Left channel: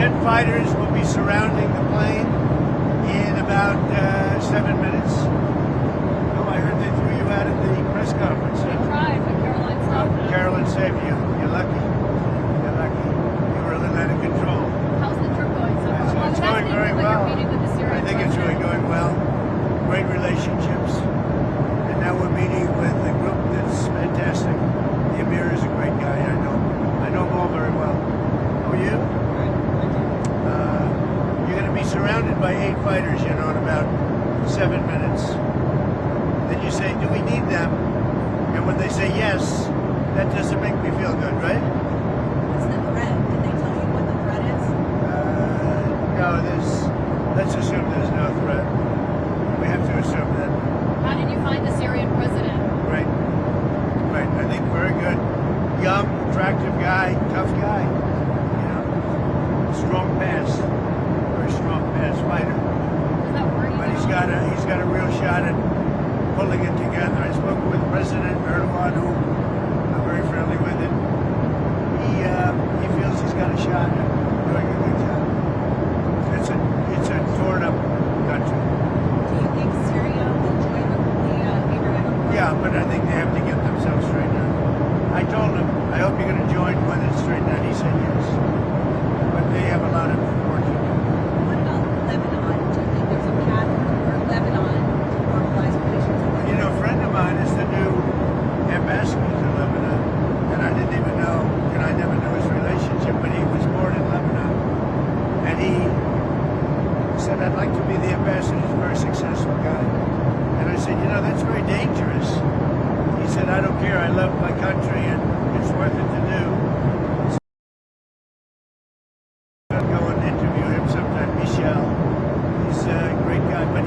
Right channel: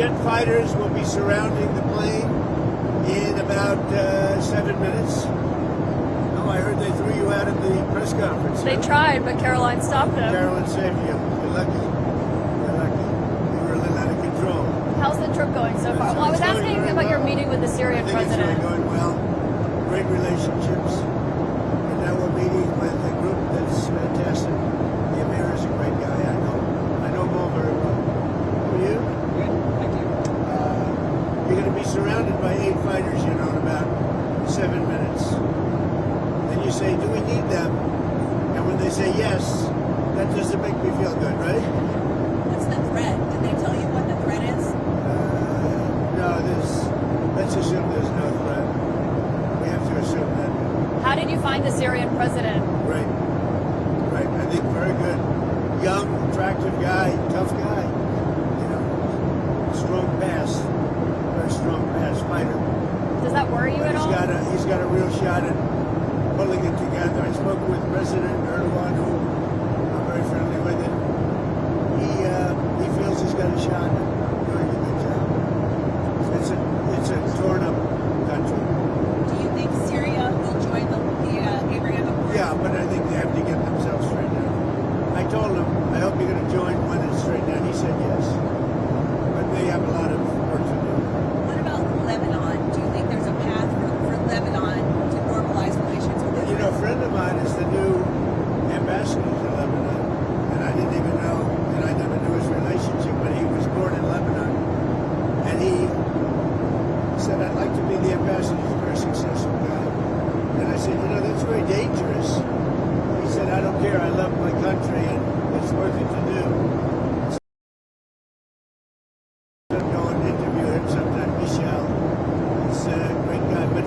jet fighters will be surrounding the plane in about 7 minutes. Oh, I heard they threw you out at the press conference. They tried, but Caroline stopped them. Caroline saved you. You're lucky. You're lucky. You were a little out of control. How's the trip going so far? Well, I was It's going asking you very about your well. meeting with the Syrian I think president. it's going well. Great relationships. And now we're meeting with a group that's fantastic. The Emir is a great guy. I know him all very well. Who are you? Good. Thank you. You're going to be surrounded by 8 fighters, in about 7 minutes. Then you say, do we need them? And when they say yes, that doesn't make me feel good, right? What's the threat? Did they tell you what the threat is? No, let's assume there's no threat. We have to assume that. How did you find the Syrian president? Great. I think very good. Young, attractive guy, tough guy. Strong pass. Very strong pass fighter. Does that worry you But at all? he's got a real shot at pulling it together. I spoke with President Erdogan, who I'm very friendly with him. He feels he's got a shot at doing a good job. It's a torn up country. Do you think Syria will join the Abraham Accords? Yeah, but I think they have to get themselves straightened out. I told him, I hope you're going to join when it's straightened out. He said yes. But they have a lot of work to do. What about Lebanon? Do you think there's a path for Lebanon to normalize relations with Israel? A friend of mine is the new ambassador to Lebanon, and I didn't even know, I never knew his relationship, but he was born in Lebanon. And he said, I'd like to be the ambassador. He's a very successful guy. And I said, that's very dangerous. He said, I don't care. I love my country, and it's worth it to do. I'll go and interview him sometime, Michel. He's a great guy, but I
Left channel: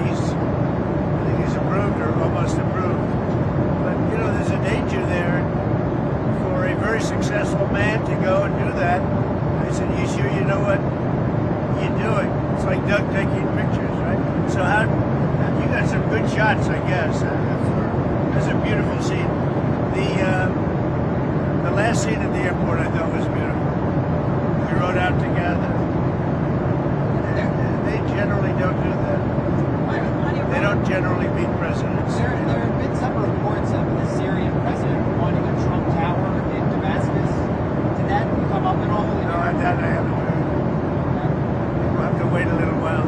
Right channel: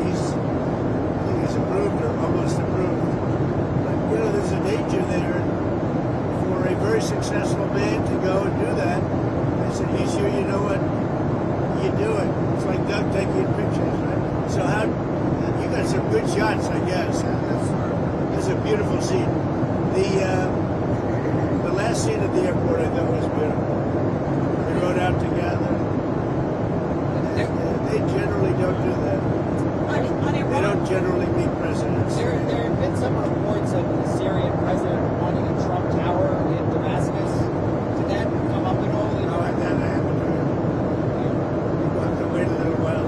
think he's approved or almost approved. But, there's a danger there for a very successful man to go and do that. I said, you sure you know what you're doing? It's like Doug taking pictures, right? So you got some good shots, I guess. That's a beautiful scene. The last scene at the airport I thought was beautiful. We rode out together. They generally don't do that. They don't generally meet presidents. There have been some reports of the Syrian president wanting a Trump Tower in Damascus. Did that come up at all? No, that I haven't heard. We'll have to wait a little while.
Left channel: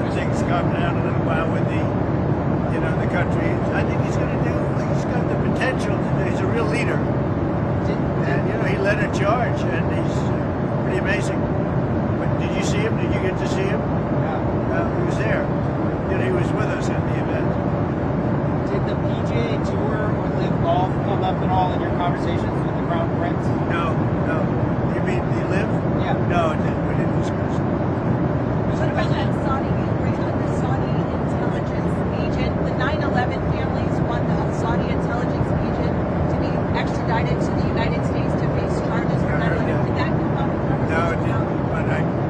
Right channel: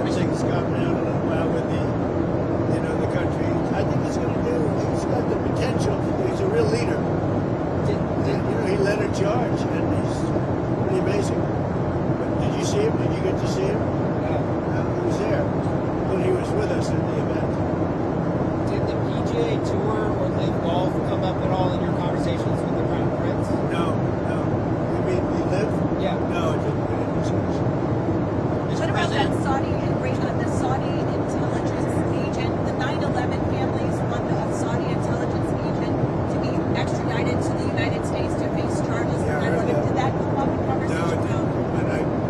Everything's calmed down a little while with the country. I think he's got the potential to do. He's a real leader. And, he led a charge, and he's pretty amazing. But did you see him? Did you get to see him? He was there. He was with us at the event. Did the PGA Tour or Live Golf come up at all in your conversations with the Crown Prince? No. You mean the Live? Yeah. No, we didn't discuss it. What about that the Saudi intelligence agent? The 9/11 families want the Saudi intelligence agent to be extradited to the United States to face charges for 9/11. Did that come up in No, conversation? it didn't. But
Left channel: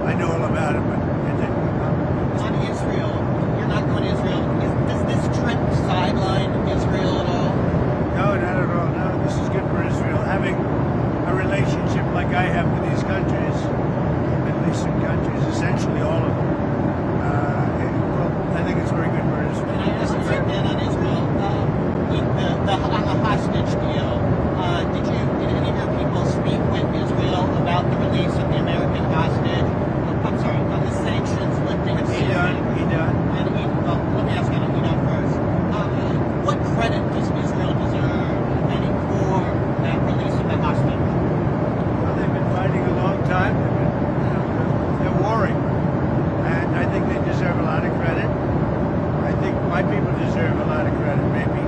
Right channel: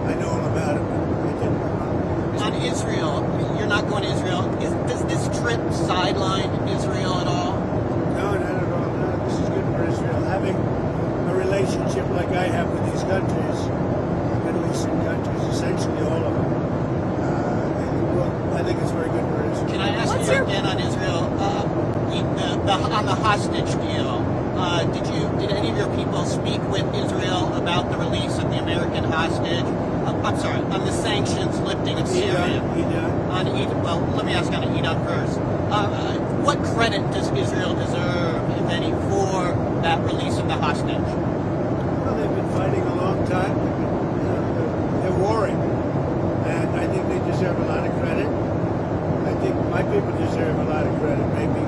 I know all about it, but it didn't come up. On Israel, you're not going to Israel. Does this trip sideline Israel at all? No, not at all. No, this is good for Israel. Having a relationship like I have with these countries, Middle Eastern countries, essentially all of them, I think it's very good for Israel. Can I ask you again on Israel? On the hostage deal, did any of your people speak with Israel about the release of the American hostage? I'm sorry, on the sanctions lifting of Syria. He done. Well, let me ask on Edom first. What credit does Israel deserve, if any, for that release of the hostage? Well, they've been fighting a long time. They're warring. And I think they deserve a lot of credit. I think my people deserve a lot of credit, maybe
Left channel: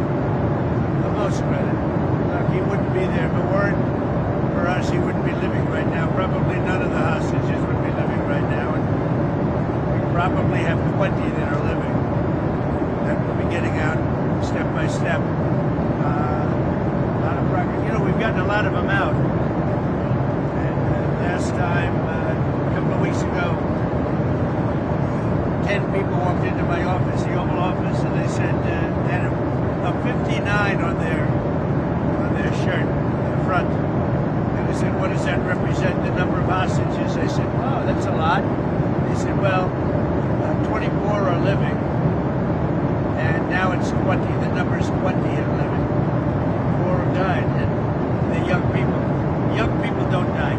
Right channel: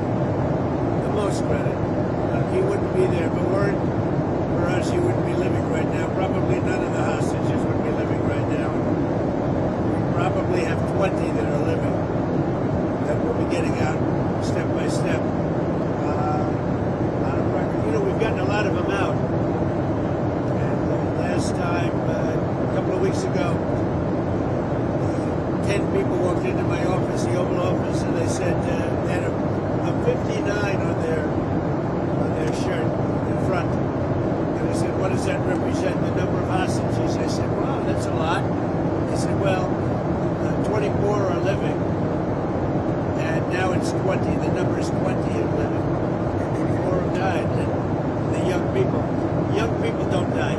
the most credit. He wouldn't be there if it weren't for us. He wouldn't be living right now. Probably none of the hostages would be living right now. And we probably have 20 that are living. And we'll be getting out step by step. A lot of progress. We've gotten a lot of them out. And last time, a couple of weeks ago, 10 people walked into my office, the Oval Office, and they said they had a 59 on their shirt, the front. And I said, what does that represent, the number of hostages? I said, wow, that's a lot. now it's 20. The number is 20 and living. 4 have died, and the young people don't die.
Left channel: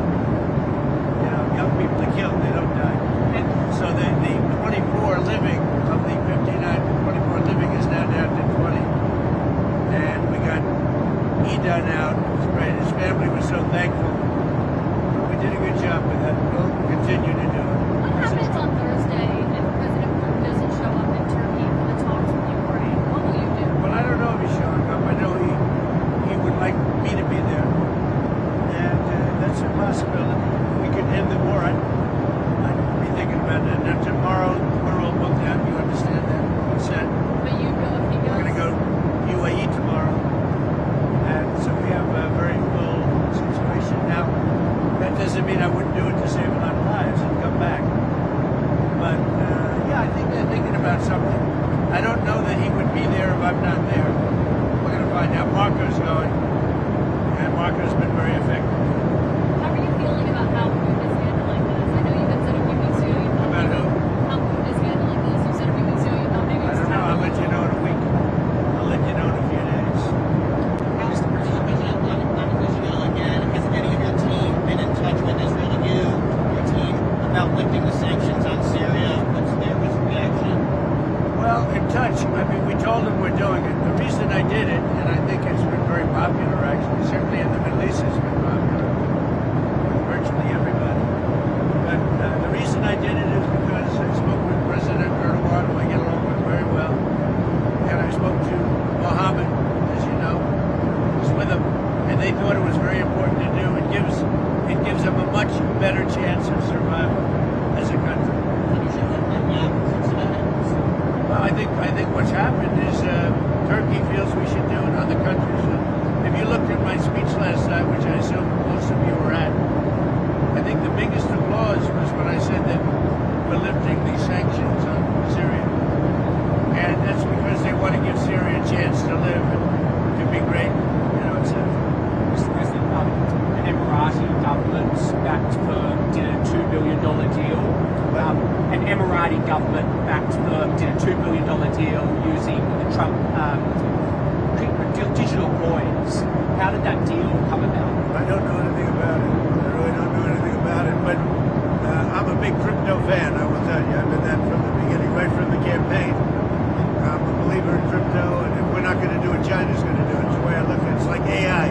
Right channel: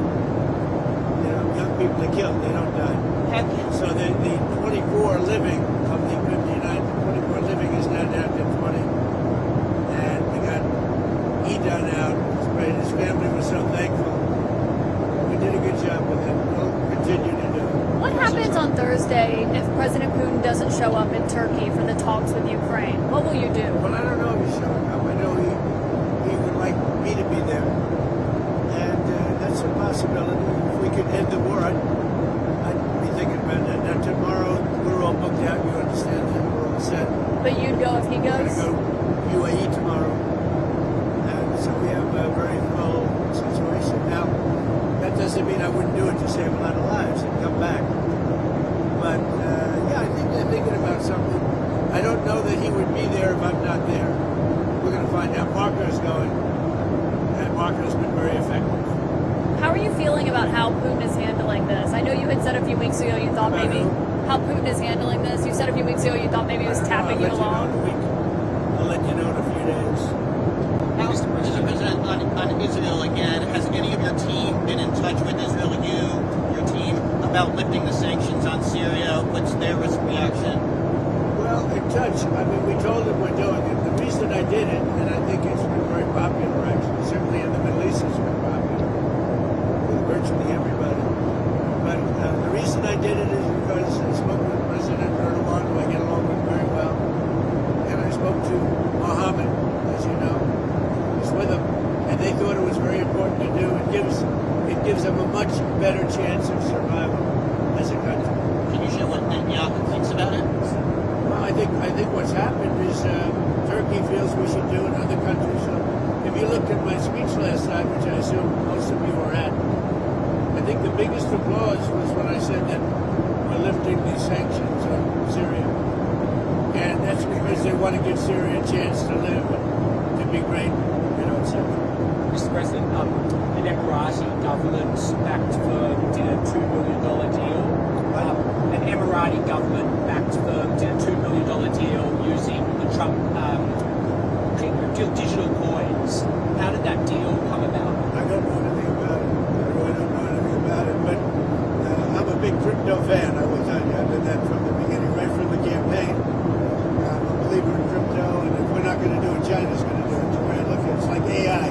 You know, young people are killed, they don't die. So the 24 living of the 59 to 24 living is now down to 20. And we got Edan out. It was great. His family was so thankful. We did a good job with it. We'll continue to do it. What happens on Thursday if President Putin doesn't show up in Turkey for the talks with Ukraine? What will you do? Well, I don't know if he's showing up. I know he would like me to be there. And that's a possibility. If we could end the war, I'd be thinking about that. Now, tomorrow, we're all booked out. You understand that? We're all set. But you'd go if he We're goes? going to go UAE tomorrow. And so we have a very full situation. Now, that doesn't mean I wouldn't do it to save a lot of lives and come back. But, yeah, I think they're thinking about something. I don't know that he would be there if I'm not there. We're going to find out. Marco's going. And Marco's been very effective. How are you feeling about how Putin is handling this? I know you had said a few weeks ago you thought About maybe who? how Putin is handling this. You said a few weeks ago you thought maybe he was I'll tapping let you you know in along. a week. I'll let you know in a few days. Mr. President, on Israel again, has any of your team been in touch with Israel, your team, about lifting the sanctions on Syria? What's their reaction? Well, in touch. I mean, we told them we're doing it. The reason I did it, and I think it's been very popular actually, certainly in the Middle East it's been popular with virtually everybody. But the reason I did it is because I spoke with President Erdogan, who I get along with very well, and I spoke to Mohammed, as you know, was with them, and they thought it was very important to do. It gives them a much better chance of survival as a country. Can you share what Netanyahu thinks about it? I think what's happened is Turkey feels we should do it. Other countries. If you looked at my speech last night, which I assume most of you were at, I think the biggest applause was when I said that we're lifting these sanctions on Syria, and that's because they want to give Syria a chance to live and to be great, etc. Mr. President, an Emirati government did a $2 billion deal. An Emirati government did a $2 billion deal using the Trump digital coins. How did that deal come about? I don't know anything about it. I really don't know anything about it, but I'm a big crypto fan, I will tell you. I've been that from the beginning, right from the campaign. I'm a believer in crypto, and if we're not going to do it, China's going to do it. The way I look at it, it's like AI.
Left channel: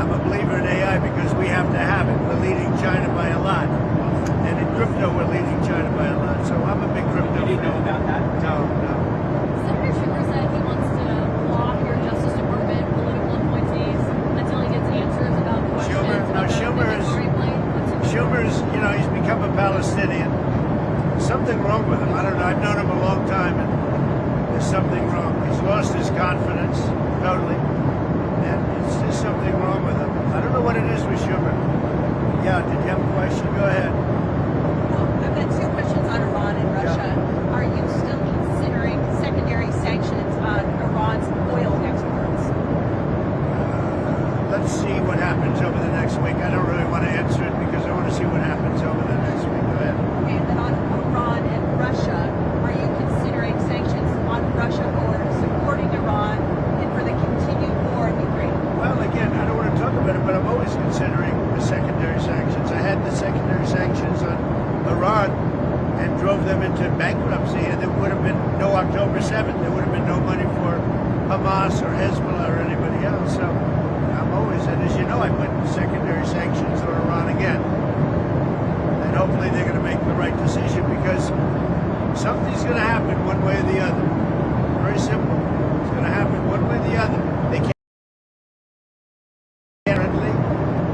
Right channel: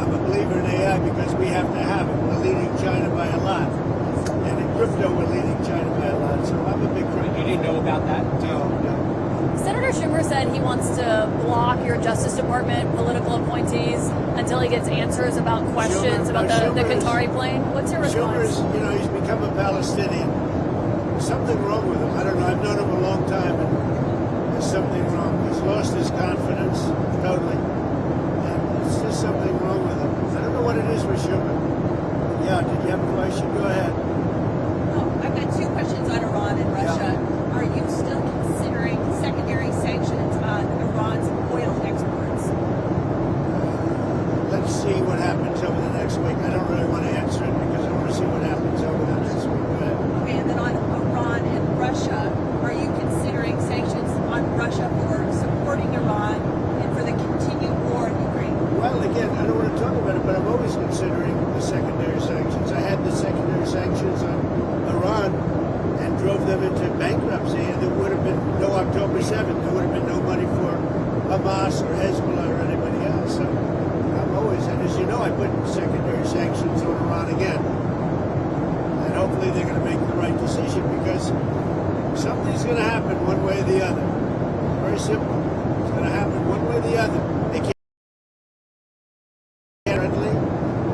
I'm a believer in AI because we have to have it. We're leading China by a lot. And in crypto, we're leading China by a lot. So I'm a big crypto You didn't fan. know about that? No. Senator Schumer said he wants to block your Justice Department political appointees until he gets answers about questions about the Qatari plane. What's your Schumer response? is, he's become a Palestinian. Something wrong with him. I don't know. I've known him a long time, and there's something wrong. He's lost his confidence totally, and it's just something wrong with him. I don't know what it is with Schumer. Yeah, did you have a question? Go ahead. Well, I've got two questions on Iran and Russia. Are you still considering secondary sanctions on Iran's oil exports? Let's see what happens over the next week. I don't really want to answer it because I want to see what happens over the next week. Go ahead. Okay, and then on Iran and Russia, are you considering sanctions on Russia for supporting Iran and for the continued war in Ukraine? Well, again, I don't want to talk about it, but I'm always considering the secondary sanctions. I had the secondary sanctions on Iran and drove them into bankruptcy, and there would have been no October 7th. There would have been no money for Hamas or Hezbollah or anybody else. So I'm always, and as you know, I put secondary sanctions on Iran again. And hopefully they're going to make the right decision because something's going to happen one way or the other. Very simple. It's going to happen one way or the other. They can't be friendly.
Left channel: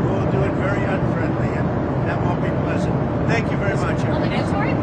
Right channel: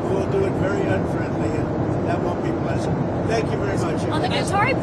We'll do it very unfriendly, and that won't be pleasant. Thank you very much. On the Qatari